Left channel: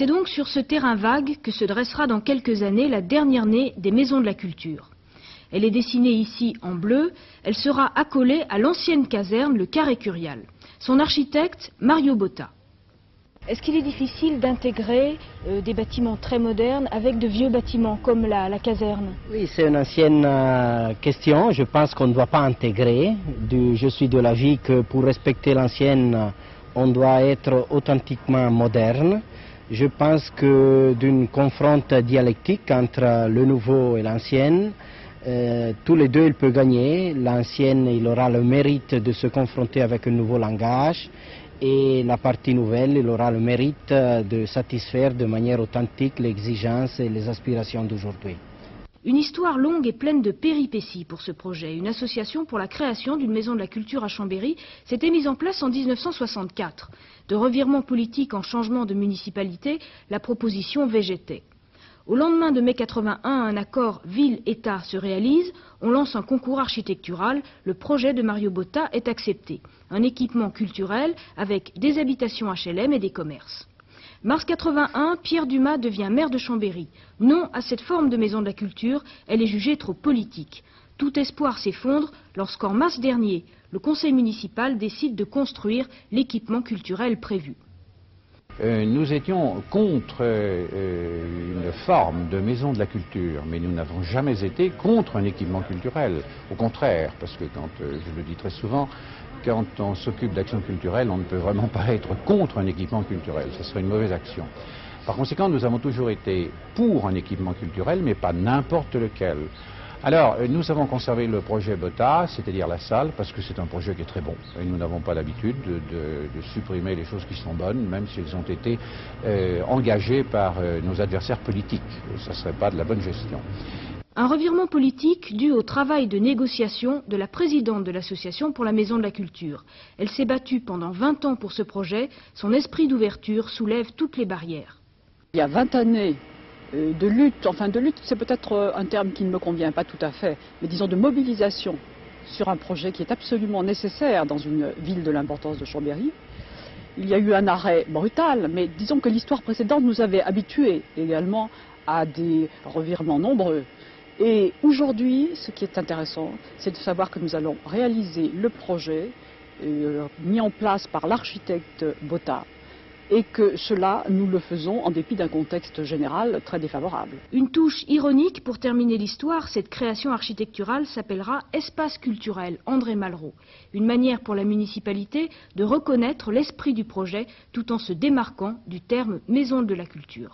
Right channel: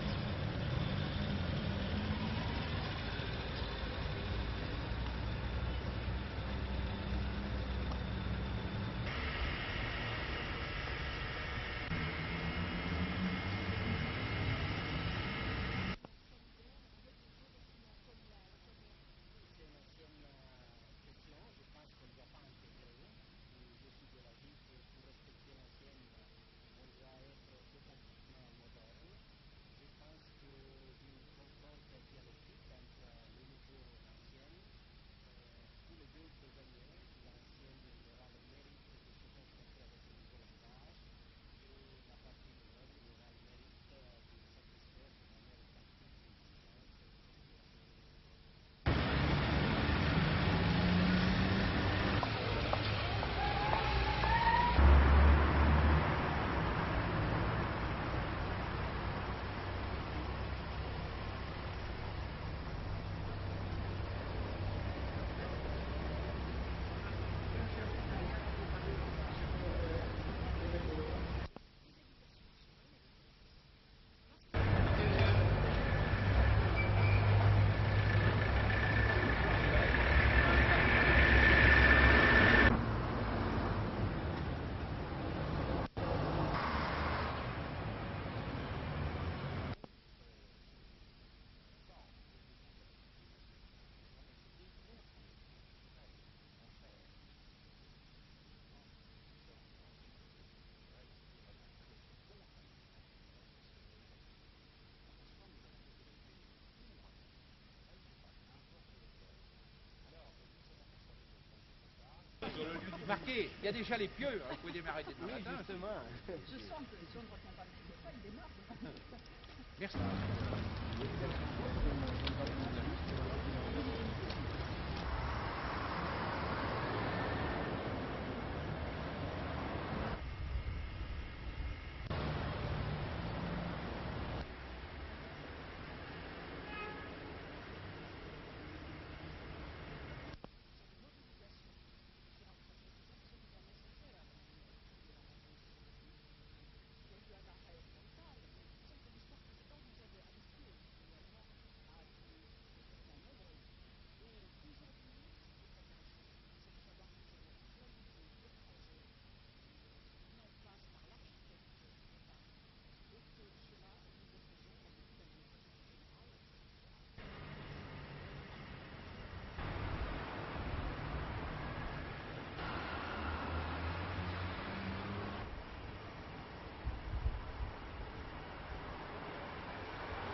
C'est donc sur ce terrain vague que se dressera dans quelques années la dernière née des maisons de la culture. Elle est dessinée ici en bleu, elle sera accolée à l'ancienne caserne, le Carré Curial. Son architecte, Mario Botta. Est-ce qu'il est difficile d'intégrer des bâtiments très modernes avec de vieux bâtiments comme la caserne? Oui, c'est une ancienne question. Je pense qu'on ne doit pas intégrer. Je suis de l'avis que pour respecter l'ancienne, on doit être authentiquement moderne. Je pense que d'une confronte dialectique entre le nouveau et l'ancienne, tous les deux ils peuvent gagner. L'ancienne, il aura le mérite de se confronter avec un nouveau langage. Et la partie nouvelle, il aura le mérite de satisfaire de manière authentique les exigences et les aspirations d'aujourd'hui. Une histoire longue et pleine de péripéties pour ce projet. Une association pour la création d'une maison de la culture à Chambéry s'était mise en place en 1964. De revirement politique en changement de municipalité, la proposition végétait. Au lendemain de mai 81, un accord ville-État se réalise, on lance un concours architectural, le projet de Mario Botta est accepté. Un équipement culturel avec des habitations HLM et des commerces. Mars 81, Pierre Dumas devient maire de Chambéry. Non à cette forme de maison de la culture, elle est jugée trop politique. Tout espoir s'effondre lorsqu'en mars dernier, le conseil municipal décide de construire l'équipement culturel prévu. Nous étions contre une forme de maison de la culture, mais nous n'avons jamais été contre un équipement culturel. Au contraire, parce que je le dis très souvent, quand on s'occupe d'action culturelle, on ne peut vraiment pas être contre un équipement culturel. Ce serait une mauvaise action. Par conséquent, nous avons toujours été pour un équipement culturel, mais pas n'importe lequel. Alors, nous avons conservé le projet Botta, c'est-à-dire la salle, parce que c'est un projet qui est très bon. Et nous n'avons pas l'habitude de supprimer les choses qui sont bonnes, même si elles ont été engagées par nos adversaires politiques. Et ça ne serait pas de la bonne gestion. Un revirement politique dû au travail de négociation de la présidente de l'association pour la maison de la culture. Elle s'est battue pendant 20 ans pour ce projet. Son esprit d'ouverture soulève toutes les barrières. Il y a 20 années de lutte, enfin de lutte c'est peut-être un terme qui ne me convient pas tout à fait, mais disons de mobilisation sur un projet qui est absolument nécessaire dans une ville de l'importance de Chambéry. Il y a eu un arrêt brutal, mais disons que l'histoire précédente nous avait habitués également à des revirements nombreux. Et aujourd'hui, ce qui est intéressant, c'est de savoir que nous allons réaliser le projet mis en place par l'architecte Botta et que cela, nous le faisons en dépit d'un contexte général très défavorable. Une touche ironique pour terminer l'histoire, cette création architecturale s'appellera Espace culturel André Malraux. Une manière pour la municipalité de reconnaître l'esprit du projet tout en se démarquant du terme maison de la culture.